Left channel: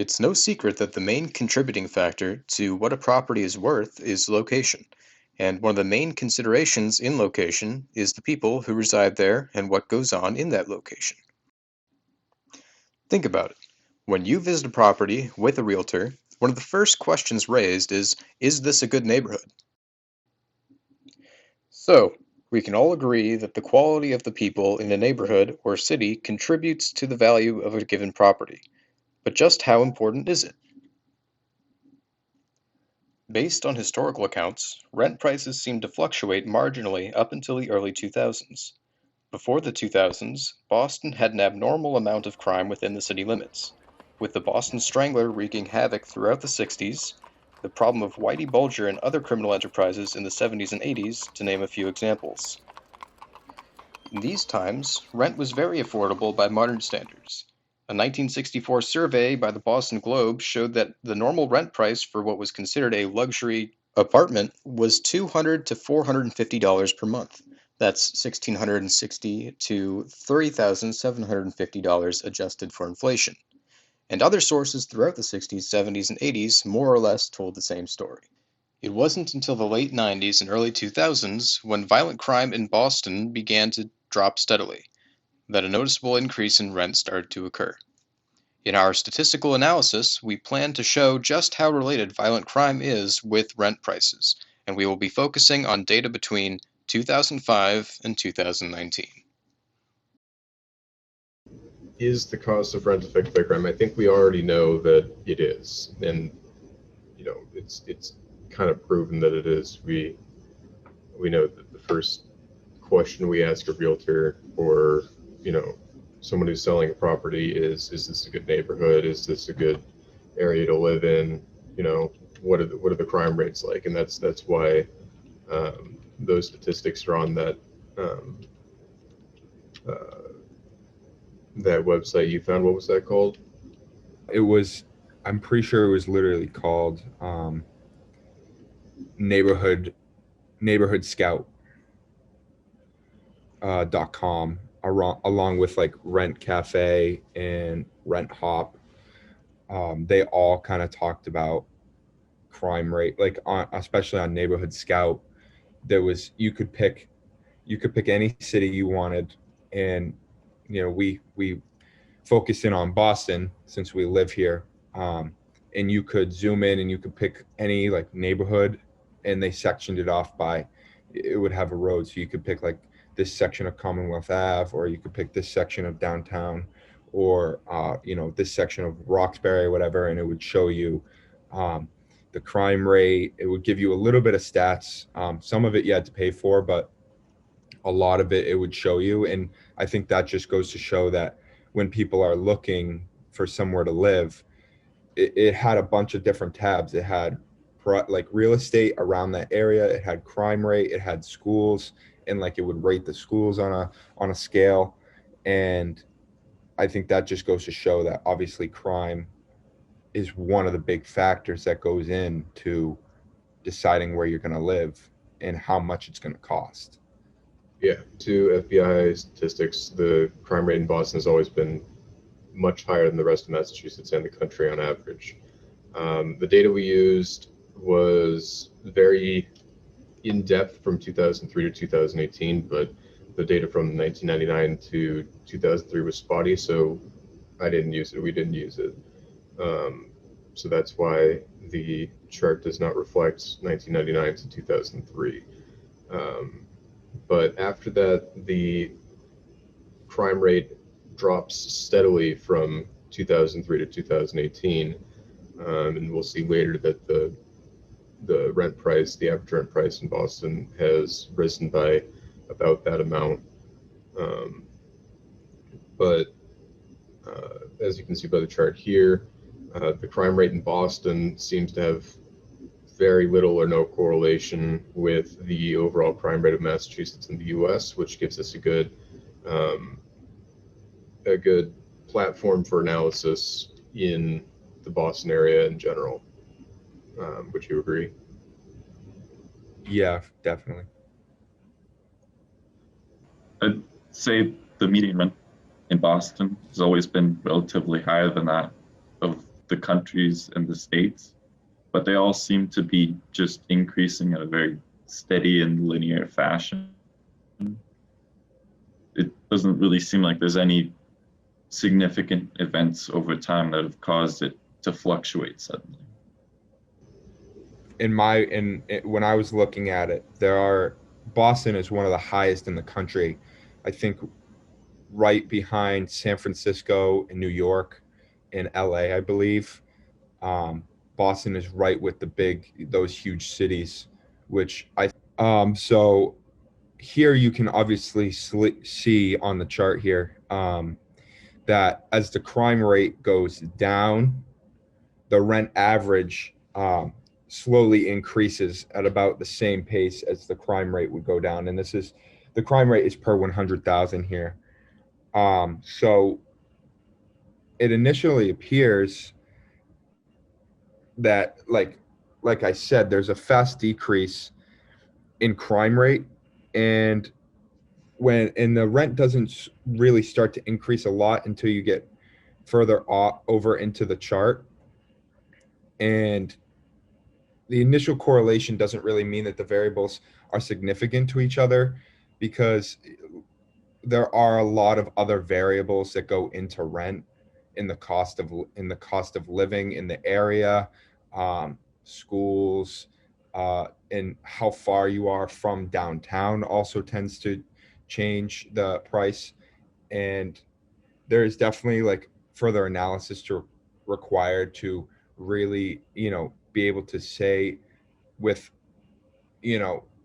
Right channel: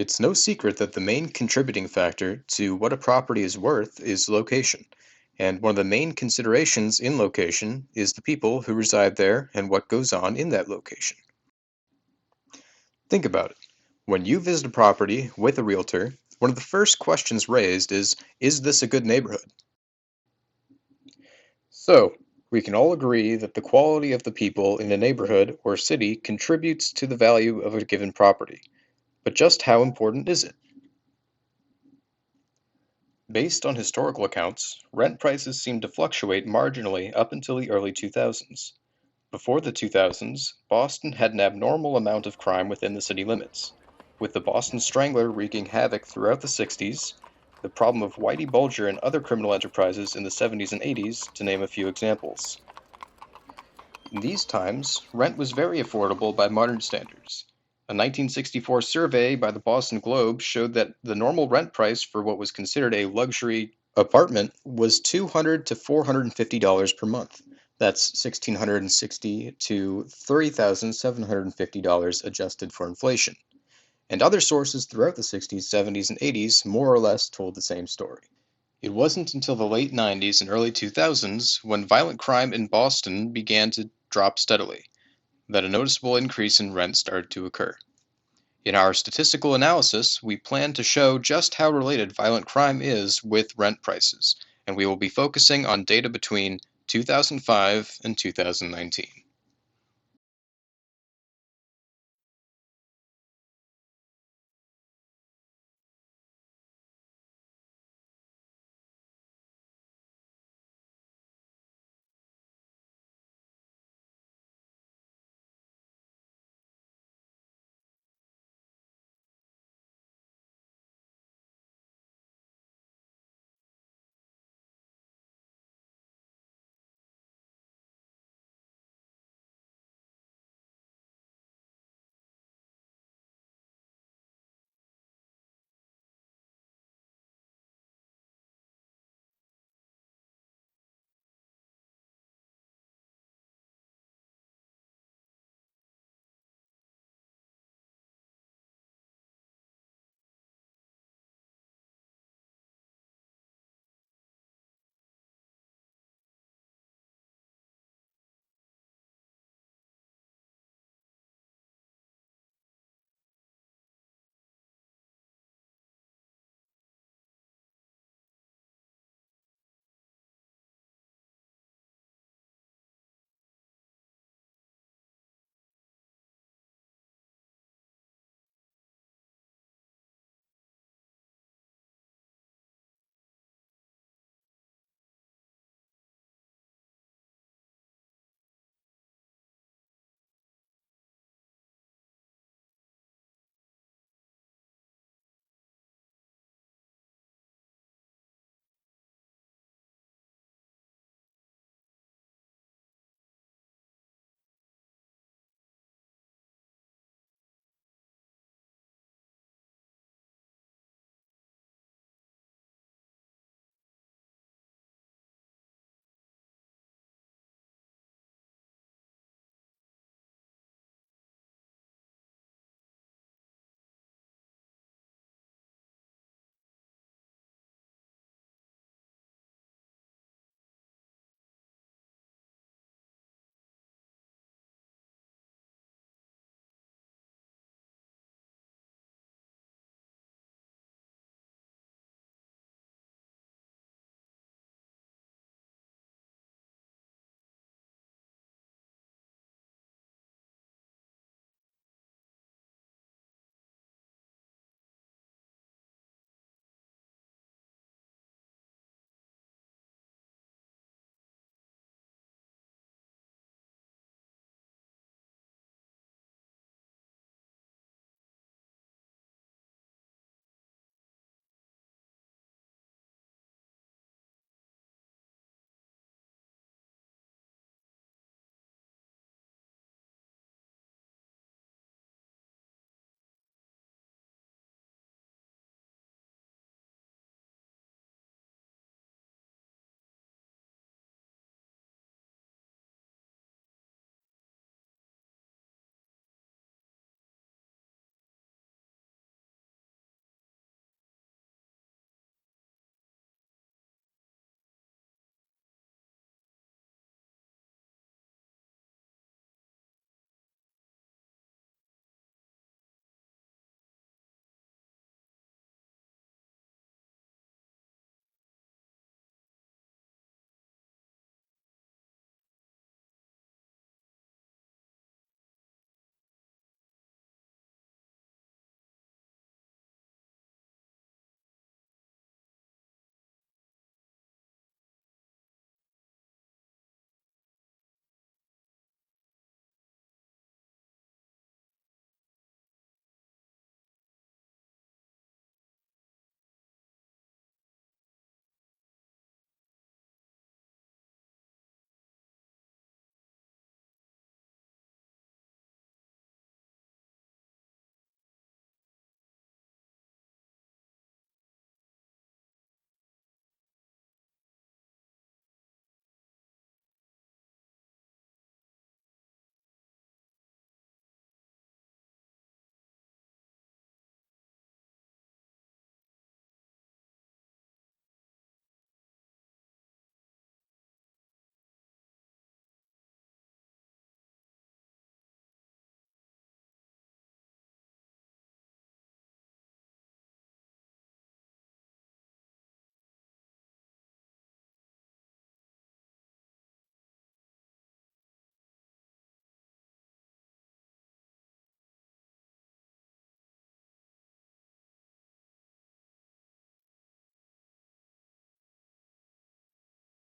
It's no secret that the main contributing factor to what a property is worth is location. And one of the main considerations in location is the people who reside there and what goes on in that location. Think about it. When you visit a property with a realtor, one of the first questions raised is this a good neighborhood? So, we can all agree that the quality of the people in a neighborhood or city contributes to the value of a given property. But just how important is it? Based on historical accounts, rent prices seem to fluctuate marginally up until the early 2000s. Before the 2000s, Boston had an abnormal amount of crime within the city limits, with the Boston Strangler wreaking havoc throughout the 60s, the problem of Whitey Bulger and other criminal enterprises in the 70s and 80s, to name a few examples. In these times, rent was very affordable by modern standards. A 1964 survey by the Boston Globe showed that the normal rent price for what was considered a luxury apartment was $200 to $450 per month. That's $1,660 to $3,750 adjusted for inflation. And other sources throughout the 60s, 70s, and 80s more or less told the same story. It wasn't until the late 90s and early 2000s, when violent crime in Boston began to drop steadily, that a noticeable increase in rent started to occur. In our statistical analysis, we plan to show just how related violent crime is with rent prices, and we will be focusing on data between 2005 and 2019. Is the cost of rent affected by crime? I think we already know that it is, and it's kind of proven that it is. We know that the first question we ask a realtor or someone who's selling a property is this a good neighborhood? Is this a good area to live in? What are the crime rates like? And that's why those statistics are on um, uh, that website you found. What was that called? It was, I'm pretty sure it was literally called neighborhood neighborhood scout .com, along with like Rent Cafe and Rent Hop. They all kind of talked about crime rate, like especially on Neighborhood Scout. There was you could pick any city you wanted, and we focused in on Boston since we live here. And you could zoom in and you could pick any like neighborhood, and they sectioned it off by, it would have a road, so you could pick like this section of Commonwealth Ave, or you could pick this section of downtown, or this section of Roxbury, whatever, and it would show you um, the crime rate. It would give you a little bit of stats. Some of it you had to pay for, but a lot of it would show you. And I think that just goes to show that when people are looking for somewhere to live, it had a bunch of different tabs. It had like real estate around that area, it had crime rate, it had schools, and like it would rate the schools on a scale. And I think that just goes to show that obviously crime is one of the big factors that goes into deciding where you're going to live and how much it's going to cost. Yeah, to FBI statistics, the crime rate in Boston has always been much higher than the rest of Massachusetts and the country on average. The data we used was very in depth from 2003 to 2018, but the data from 1999 to 2003 was spotty, so I didn't use it. We didn't use it. Um, so that's why the chart does not reflect 1999 to 2003. Um, but after that, the crime rate drops steadily from 2003 to 2018. And we'll see later that the rent price, the average rent price in Boston, has risen by about that amount. Um, but as you can see by the chart here, the crime rate in Boston seems to have very little or no correlation with the overall crime rate of Massachusetts and the U.S., which gives us um, a good platform for analysis in the Boston area in general. Would you agree? Yeah, definitely. I'd say the median rent in Boston has always been relatively higher than that of the countries and the states, but they all seem to be just increasing at a very steady and linear fashion. It doesn't really seem like there's any significant events over time that have caused it to fluctuate suddenly. When I was looking at it, Boston is one of the highest in the country. I think right behind San Francisco and New York and LA, I believe. Boston is right with those huge cities, which so here you can obviously see on the chart here that as the crime rate goes down, the rent average slowly increases at about the same pace as the crime rate would go down. And the crime rate is per 100,000 here. So it initially appears that like I said, there's a fast decrease in crime rate, and the rent doesn't really start to increase a lot until you get further over into the chart. And the initial correlation doesn't really mean that the variables are significant to each other, because there are a lot of other variables that go into rent in the cost of living in the area, schools, and how far you are from downtown also tends to change the price. And there is definitely further analysis required to really be able to say with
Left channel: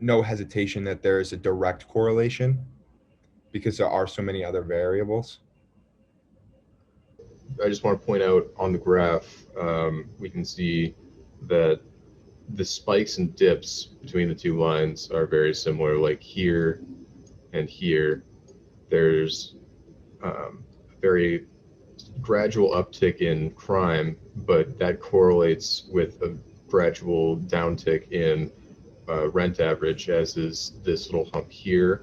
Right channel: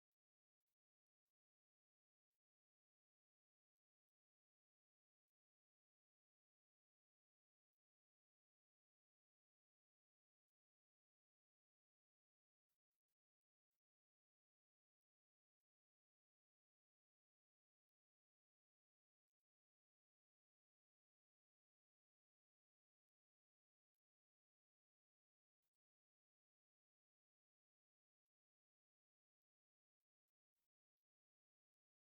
no hesitation that there is a direct correlation, because there are so many other variables. I just want to point out on the graph, we can see that the spikes and dips between the two lines are very similar. Like here and here, there's a very gradual uptick in crime, but that correlates with a gradual downtick in rent average, as is this little hump here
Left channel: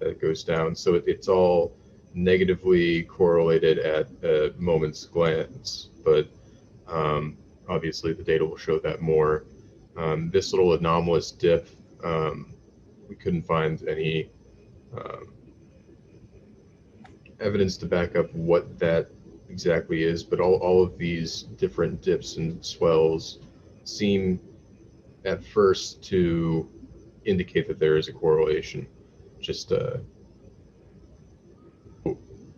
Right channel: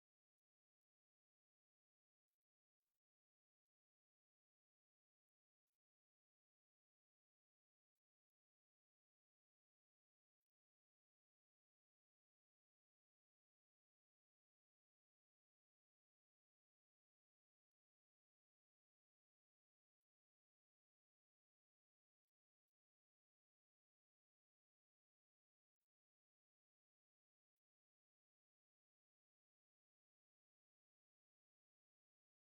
that goes down. So it's all negatively correlated at a moment's glance, but obviously the data will show that more. This little anomalous dip, we couldn't find any evidence to back up what that exactly is, but all of these different dips and swells seem at first to indicate that there is a correlation. Just the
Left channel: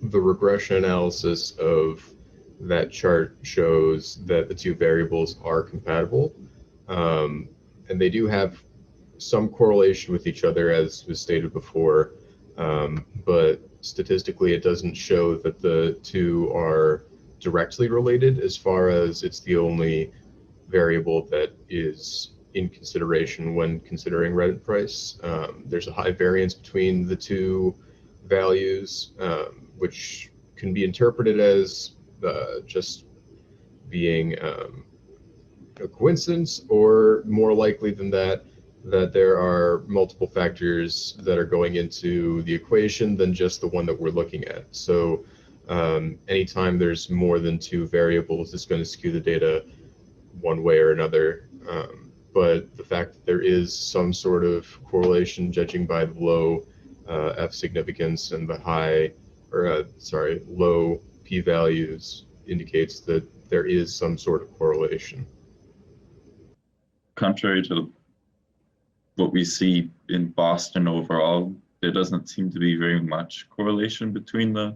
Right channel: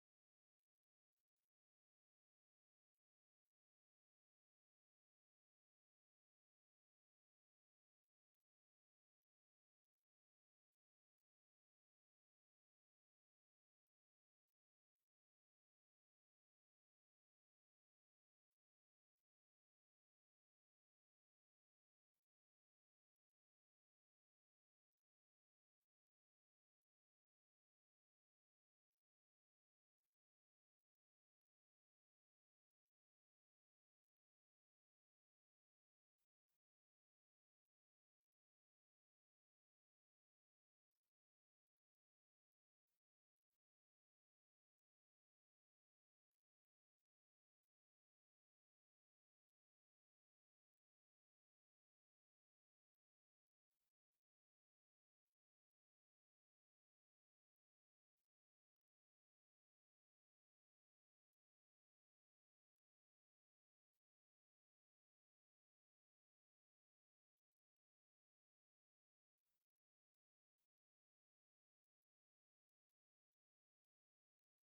regression analysis of that chart shows that the two variables are compatible, and they do have some correlation with each other, as was stated before, but statistically it doesn't show that the two are directly related, as far as it's the only variable that is in consideration when considering rent price. There's a high variance between the two values, which can be interpreted as just being a coincidence, or more likely than that there are multiple factors that are going into the equation than just the one that we're looking at. So anytime there's more than two variables, it's going to skew the data one way or another. But the fact that there is some sort of correlation, judging by the low F significance and the low p-values, indicates that there is some sort of correlation. Contrary to what we see in Boston overall, there doesn't seem to be very much correlation between the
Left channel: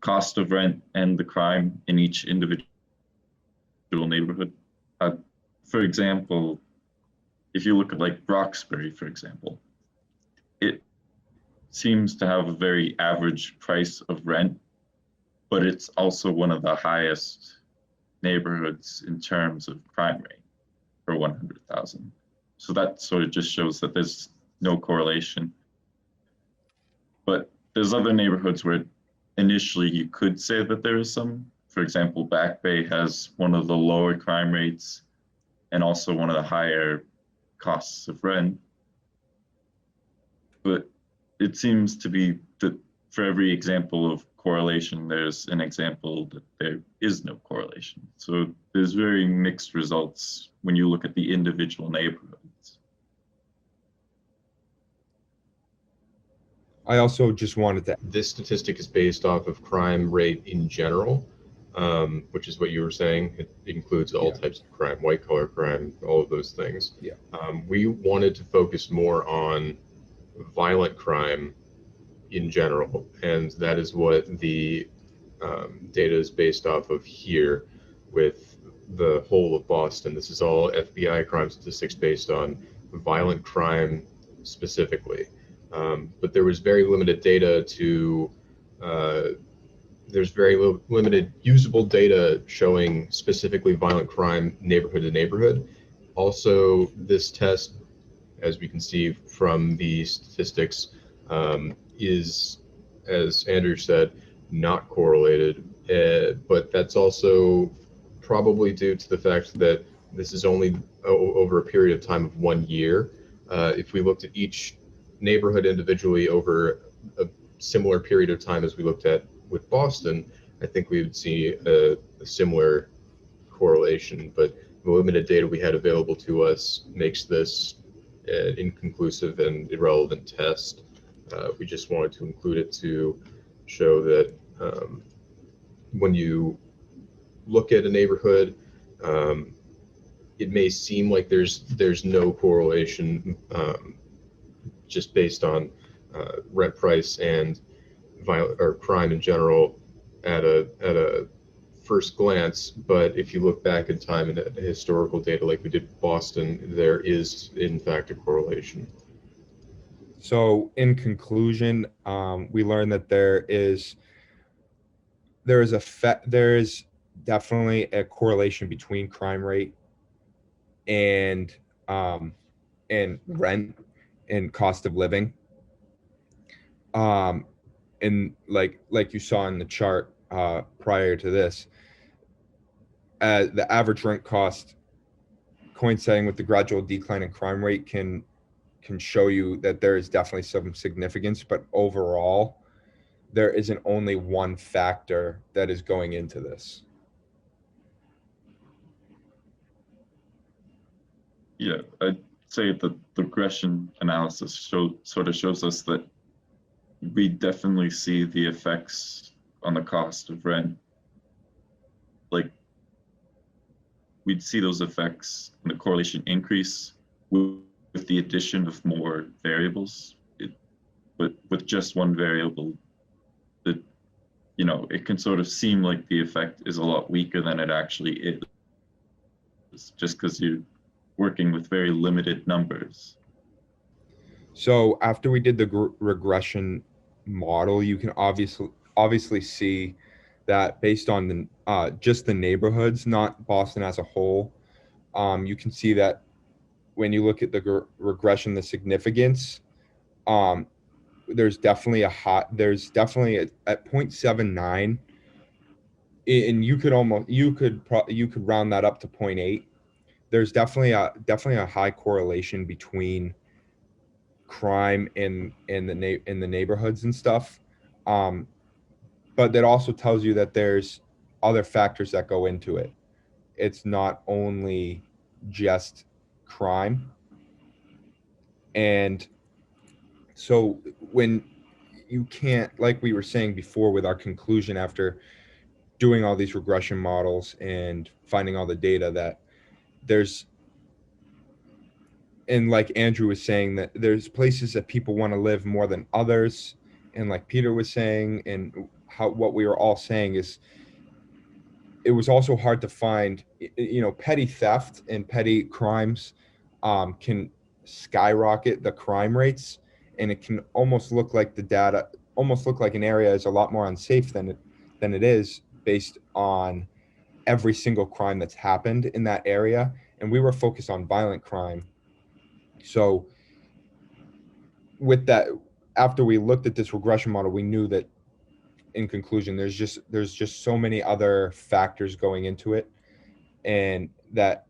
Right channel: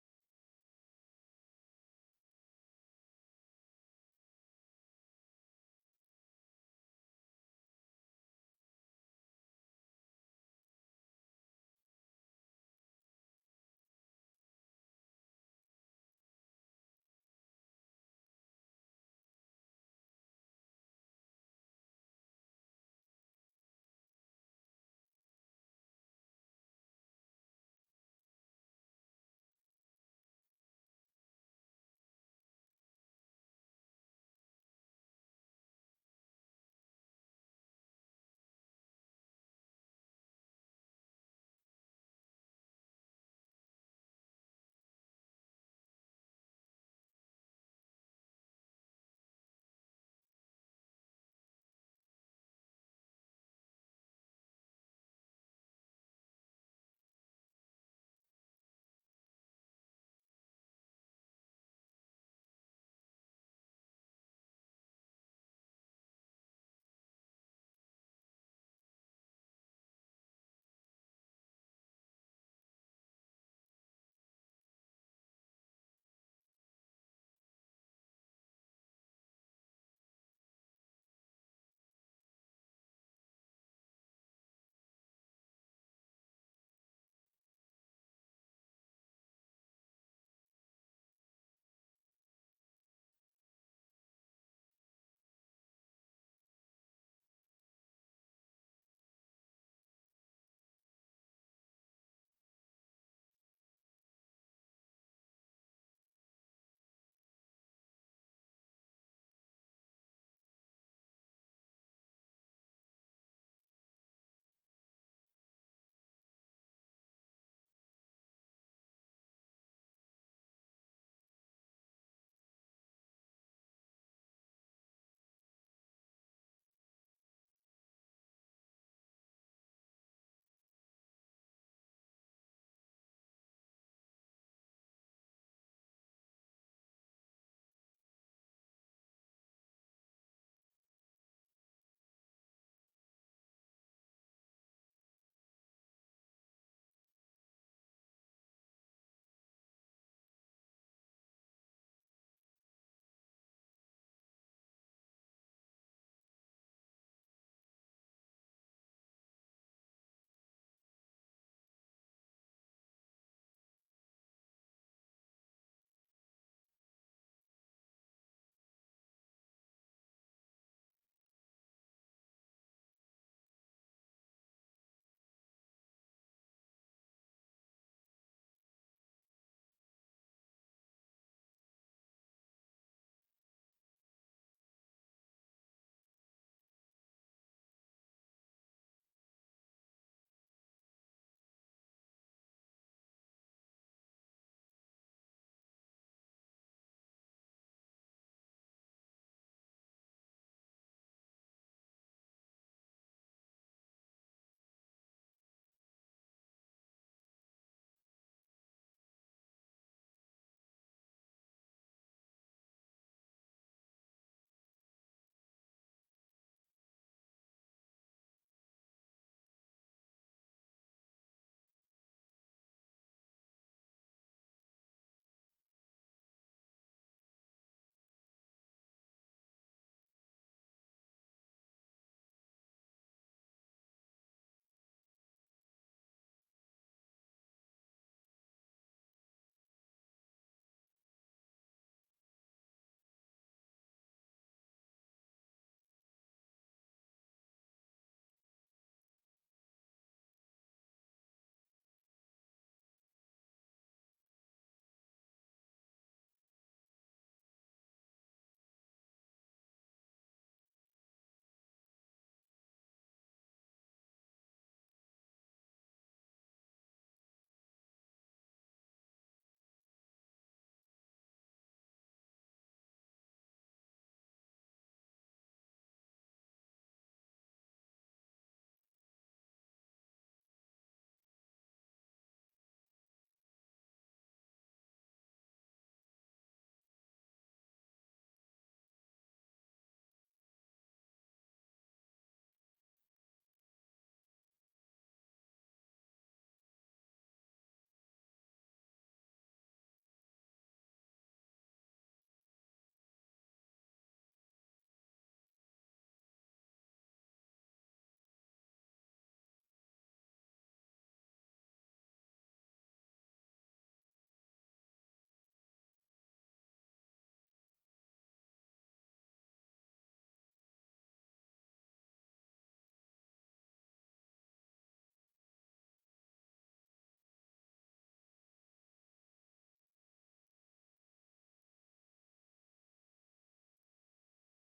cost of rent and the crime in each individual neighborhood. For example, if you look at Roxbury, for example, it seems to have a very average price of rent, but it's also one of the highest neighborhoods in terms of crime rate per 100,000. So that sort of just shows that there's no correlation. But there's other neighborhoods where initially you could say that there is some. For example, Back Bay has one of the lower crime rates and also one of the higher costs of rent. But it seems to be that for every example of correlation, there's an example that there is no correlation. So there's very mixed results when you look at the individual neighborhoods. I also just wanted to, This statistic is based off of crime rate in general, which is what you were saying. It includes all types of crime, white collar crime, all of those things. Yeah. We wanted to focus more on violent crime in general, and that is what the data is based off of here with the whole of Boston. This is all FBI crime statistics based on violent crime specifically. But there was very limited data to, there's very limited usable data showing specifically violent crime neighborhood to neighborhood. Also, this test, as we can see from the statistics, is, as Andrew said, not correlated, but that's also probably due to the fact that this is only over a period of time of 1 year. If we looked at each neighborhood individually over a similar period of time as we looked at with Boston, I think we would see a similar correlation, but the limited data we had available to us makes this an inconclusive and irrelevant test. We just wanted to include it to show that when you look at a neighborhood, it may seem like there's no correlation just based on rent price and violent or crime in general at a first glance, but if you look back in time and at historical data like we did with Boston, there is in fact a correlation. so in conclusion, we learned that there is definitely a correlation between crime rate and rent and cost of living. And like you saw in the chart prior to this, the average rent cost coinciding with the gradual decline in crime rate can show you that there is definitely some significance, but overall, there isn't only one factor that is going into this. Yeah, I'd say that the regression analysis sort of shows us that we definitely see the effects on the cost of rent. Like, we'd see those effects and the correlation increase with the addition of more variables. But with just one variable, that, you know, it can sort of seem like the effect is a lot weaker than it actually is, just because you're working with very limited numbers. So after we did the regression model, you can obviously see that based on the just the neighborhoods, not Boston as a whole, you can see that when you look at the regression, the significance, there's definitely at 0.79, and you could round that up to 0.8. There's definitely a high correlation between crime in the neighborhoods and stuff, but that also tells you that there's other factors that go into it. It's not only just crime. And so when you can't, like we were saying before with our conclusion after doing all these regression models and finding all the data, that there's, and like Andrew was saying, that there's places that people want to live more than others, and like Peter was saying, and what we were all saying is, it was also hard to find, you know, petty theft and petty crimes can skyrocket the crime rates, and it can almost look like an area is a lot more unsafe than it is, based on every single crime that's happened in that area. And we were focused on violent crime. So with that, after we looked at this regression model, we knew that in conclusion, there's just so many other factors going into it, and that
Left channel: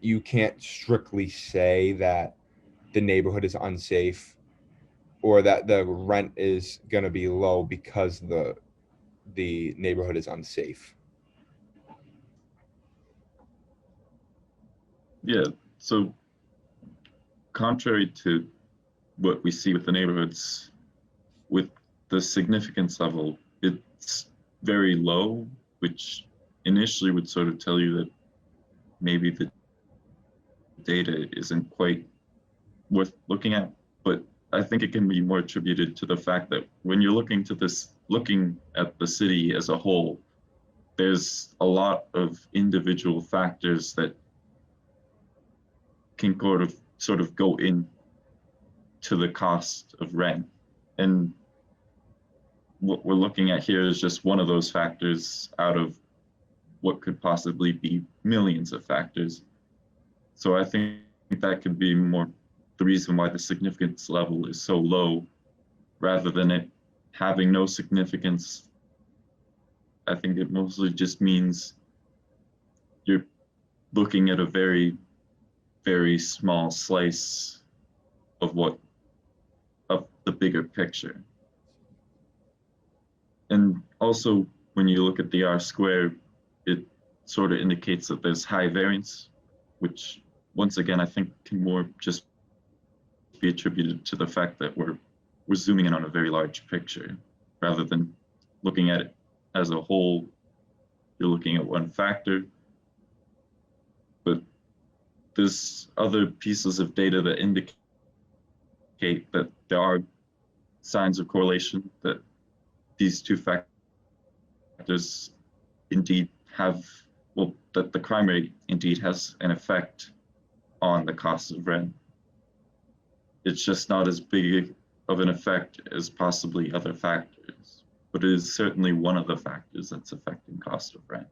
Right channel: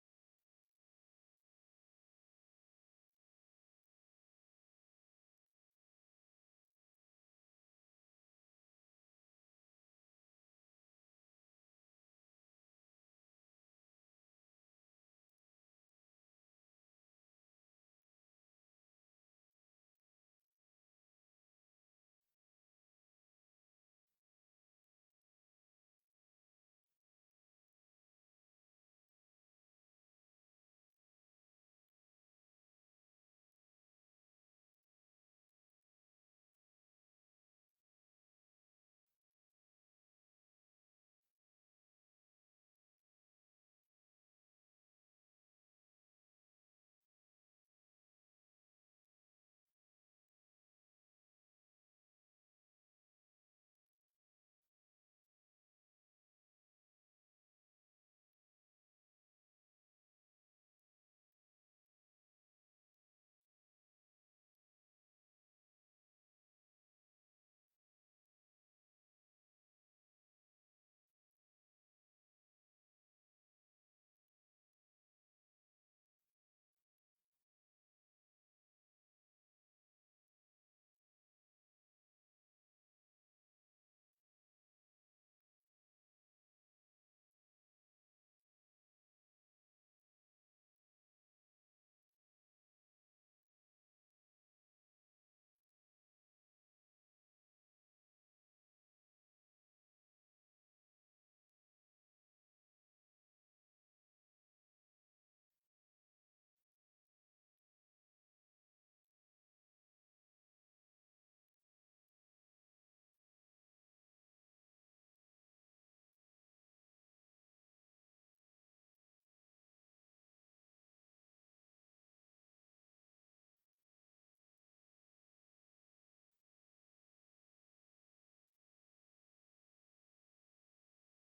you can't strictly say that the neighborhood is unsafe or that the rent is going to be low because the neighborhood is unsafe. Yeah, so contrary to what we see with the neighborhoods, with the significance level, it's very low, which initially would sort of tell you that maybe the data isn't quite worth looking at. But I think it can be more attributed to the fact that when you're looking at the city as a whole, there's a lot of individual factors that can sort of go in to the cost of rent. And what we're looking at here is just one of those factors out of what could possibly be millions of factors. So I think that could be more the reason why the significance level is so low, rather than it having no significance. I think it mostly just means you're looking at a very, very small slice of the bigger picture. And also, when you look at the R-square, it sort of indicates that there's high variance, which once again, I think can more just be attributed to the fact that we're zooming in on a very large picture rather than looking at it as a whole. You're looking at one factor, but there's other pieces of data that indicate that there are signs of correlation, that these two factors indeed have, well, that the crime rate indeed has an effect on the cost of rent. It's just not as big of an effect as possibly other factors, but it is certainly one of the factors that's affecting cost of rent.